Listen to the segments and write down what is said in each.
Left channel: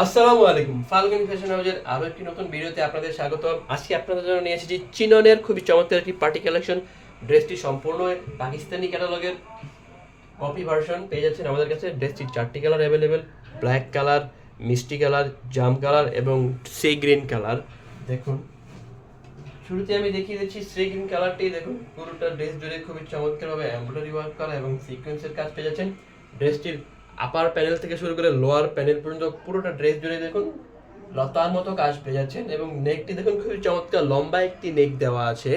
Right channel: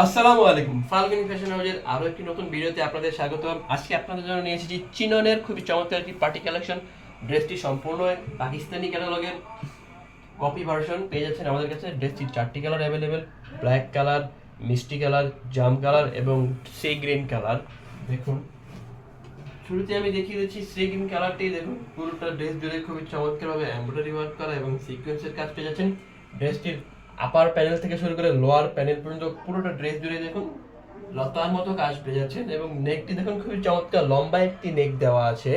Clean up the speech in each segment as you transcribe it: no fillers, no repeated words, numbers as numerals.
আসসালামু আলাইকুম, ফাল্গুন ফ্যাশন হাউসের আরো একটি নতুন ভিডিওতে আপনাদের স্বাগতম। আজকে আপনাদের জন্য নিয়ে এসেছি চিননের খুবই চমৎকার একটি পার্টি কালেকশন। ড্রেসটি সম্পূর্ণ পাকিস্তানি ক্যাটালগের কপি ভার্সন পেয়ে যাচ্ছেন আমাদের কাছে। ড্রেসটির 4টি কালার অ্যাভেলেবেল: ব্ল্যাক কালার, মিষ্টি কালার, জাম কালার এবং সি গ্রিন কালার। দেখুন, শুরুতে আমি দেখিয়ে দিচ্ছি সি গ্রিন কালারটি। দেখুন, পুরোটা ড্রেস জুড়ে খুবই চমৎকারভাবে এমব্রয়ডারি ওয়ার্ক করা এবং সিকোয়েন্সের কাজ পেয়ে যাচ্ছেন। ড্রেসটির আপার প্যানেল থেকে শুরু করে লোয়ার প্যানেল পর্যন্ত পুরোটা ড্রেস জুড়ে দেখুন লতার মতো কাজ পেয়ে যাচ্ছেন। এবং নেকটি দেখুন খুবই চমৎকার লম্বা একটি নেক দেওয়া আছে।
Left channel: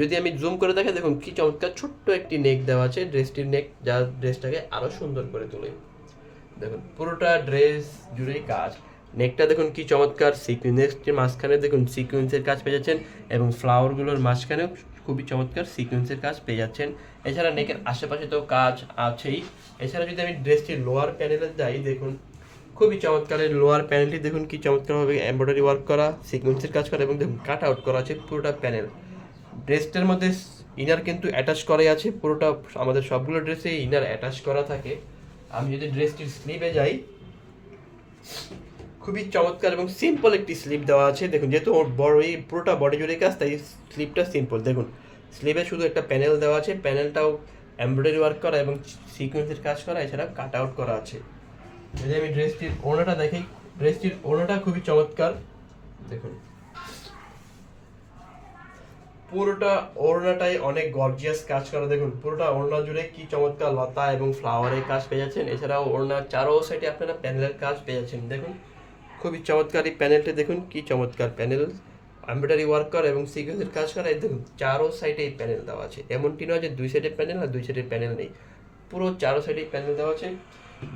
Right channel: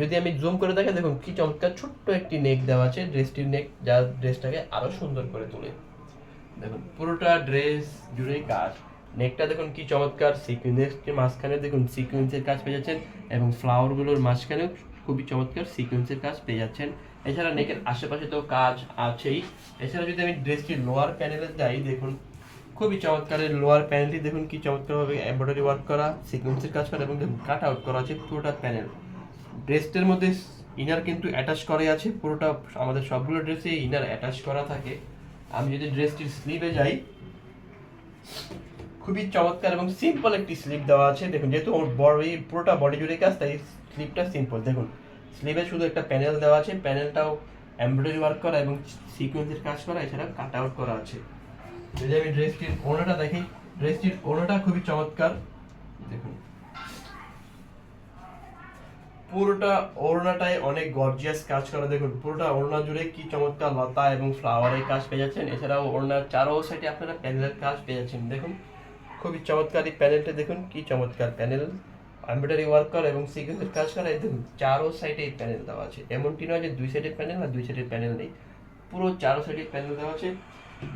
যদি আমি জুম করে দেখে দেখুন কি চমৎকার ছোট্ট একটি নেক দেওয়া আছে। ড্রেসটির নেক যা ড্রেসটাকে আরো সুন্দর করে তোলে। দেখুন পুরোটা ড্রেস জুড়েই কাজ। নেকটা দেখুন কি চমৎকার, সিকোয়েন্সের মাঝখানে দেখুন সিকোয়েন্সের কাজ পেয়ে যাচ্ছেন এবং ফ্লাওয়ারগুলোর মাঝখানেও খুবই চমৎকার সিকোয়েন্সের কাজ পেয়ে যাচ্ছেন। এছাড়া নেকের আশেপাশে তো কাজ আছেই। এছাড়া যদি আমি ড্রেসটির লোয়ার প্যানেলে যাই, দেখুন খুবই চমৎকার লোয়ার প্যানেলটি দেখুন কি চমৎকারভাবে এমব্রয়ডারি ওয়ার্ক করা, সিকোয়েন্সের কাজ করা এবং দেখুন কাট আউট করা আছে পুরোটা প্যানেল। ড্রেসটার মধ্যে ইনার কিন্তু অ্যাটাচ করা আছে। পুরোটা আমাদের সবগুলো ড্রেসে ইনার অ্যাটাচ করা থাকে। আমি যদি ড্রেসটির স্লিভে যাই, খুবই চমৎকার এবং সিম্পল একটি স্লিপ দেওয়া আছে। দেখুন যেহেতু ওর বডি পুরোটা বডি জুড়ে কাজ, তাই স্লিপটা সিম্পল। দেখুন স্লিভে শুধু একটা প্যানেল দেওয়া আছে, প্যানেলটাও এমব্রয়ডারি ওয়ার্ক করা এবং সিকোয়েন্সের কাজ করা, এছাড়া কাট আউট করা আছে। যদি আমি ড্রেসটির ওড়নাটা দেখি, ড্রেসটির ওড়নাটা খুবই চমৎকার। দেখুন পুরোটা ওড়নাটায় অনেক গর্জিয়াস কাজ করা। দেখুন পুরোটা ওড়না জুড়ে কি চমৎকার লতা এবং ফ্লাওয়ারের কাজ পেয়ে যাচ্ছেন। এছাড়াও ওড়নার চারো সাইডে আপনারা প্যানেলের কাজ পেয়ে যাচ্ছেন। দেখুন খুবই চমৎকার এই প্যানেলটা, দেখুন কি চমৎকার প্যানেল, এমব্রয়ডারি ওয়ার্ক করা এবং সিকোয়েন্সের কাজ করা। দেখুন চারো সাইডে এই প্যানেল দেওয়া আছে। এমনটি নয় যে দুই সাইডের প্যানেল আর দুই সাইডের প্যানেল নেই, পুরো চারো সাইডে প্যানেল দেওয়া আছে।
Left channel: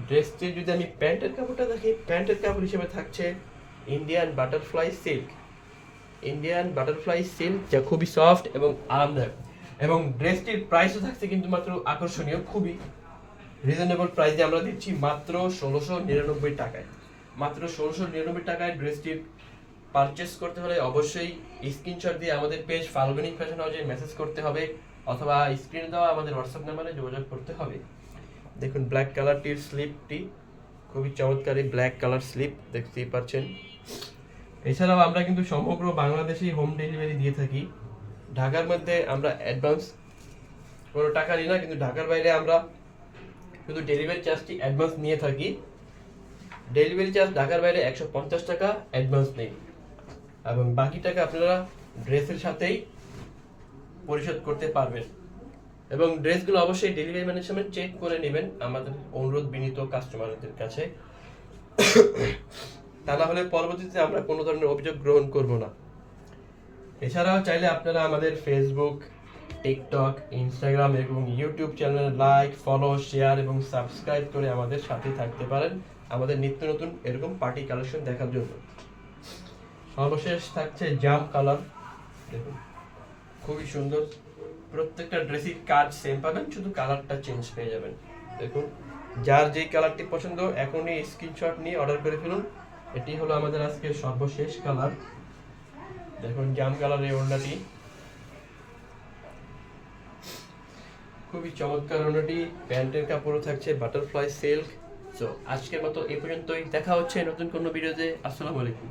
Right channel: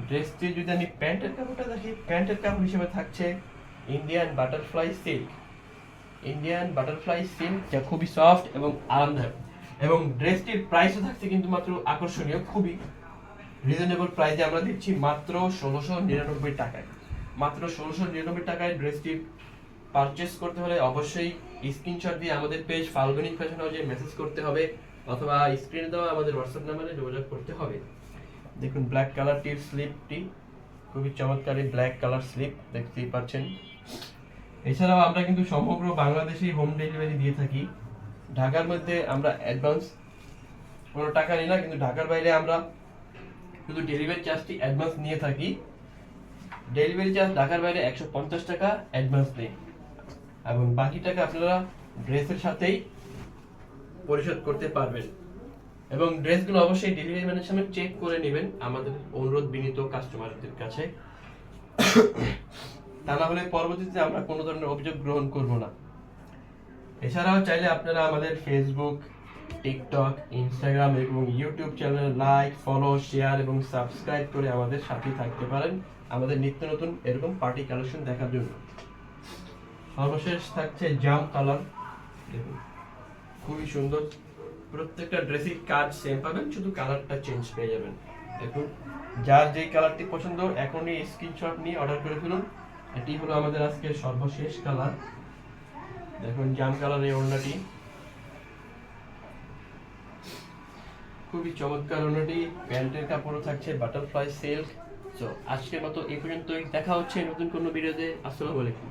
ড্রেসটি যদি আমি প্যান্টের কাপড়টা দেখি, প্যান্টের কাপড় হিসেবে থাকছে Indian butterfly silk. Indian butterfly silk যা খুবই সফট এবং আরামদায়ক। এবং ড্রেসটির প্রাইসও থাকছে কিন্তু মাত্র আকর্ষণীয়, খুবই রিজনেবল প্রাইসে আমরা দিচ্ছি মাত্র 1699 টাকায়। মাত্র 1699 টাকায় ড্রেসটির পারচেস করতে হলে অবশ্যই স্ক্রিনশট দিয়ে আমাদের পেজ ফাল্গুনিক ফ্যাশন হাউসে মেসেজ করতে হবে, অথবা স্ক্রিনে দেওয়া আমাদের হোয়াটসঅ্যাপ নাম্বারে যোগাযোগ করতে হবে। দেখুন ব্ল্যাক কালারটির স্লিপটি খুবই চমৎকার, ব্ল্যাক কালার স্লিপ দেখতেই পাচ্ছেন। এছাড়াও আমরা কিন্তু সমগ্র বাংলাদেশেই হোম ডেলিভারি দিয়ে থাকি। ঢাকার মধ্যে আমরা অ্যাডভান্স কোনো টাকা নিই না, কিন্তু ঢাকার বাইরে আমরা শুধু ডেলিভারি চার্জটি অ্যাডভান্স নিয়ে থাকি। ডেলিভারি চার্জ ঢাকার বাইরে 150 টাকা অ্যাডভান্স নেই, এবং বাকি টাকা আপনারা ড্রেসের সাথেই পরিশোধ করতে পারবেন। এবং ড্রেসগুলো অবশ্যই ডেলিভারি ম্যানের সামনে চেক করে নেবেন, আমাদের অনুরোধ বিনীত কাস্টমারদের কাছে। তা না হলে পরবর্তীতে আমরা কোনো ধরনের অভিযোগ গ্রহণ করব না। এছাড়াও চাইলে আপনারা আমাদের ফেসবুক, টিকটক, ইনস্টাগ্রাম এবং ইউটিউব চ্যানেলে লাইক, ফলো, শেয়ার এবং সাবস্ক্রাইব করে আমাদের সাথেই থাকতে পারেন আমাদের নিত্য নতুন এরকম পার্টি কালেকশন দেখার জন্য। সর্বশেষ থাকছে জাম কালার। দেখুন খুবই সুন্দর, প্রত্যেকটা ড্রেসিং কাজ সেম পাবেন, শুধু কালারটা চেঞ্জ পেয়ে যাবেন। দেখুন যার যেই কালারটি পছন্দ এখনই স্ক্রিনশট নিয়ে অর্ডার করে ফেলুন। এটি হলো আমাদের আজকে সর্বশেষ কালার। দেখুন জাম কালার এই ওড়নাটি খুবই চমৎকার। ওড়নাটি প্যান্টের কাপড়ও থাকছে বাটারফ্লাই সিল্ক। তো আজকের মতো এই পর্যন্তই, দেখা হচ্ছে নতুন কোনো ভিডিওতে। আসসালামু আলাইকুম।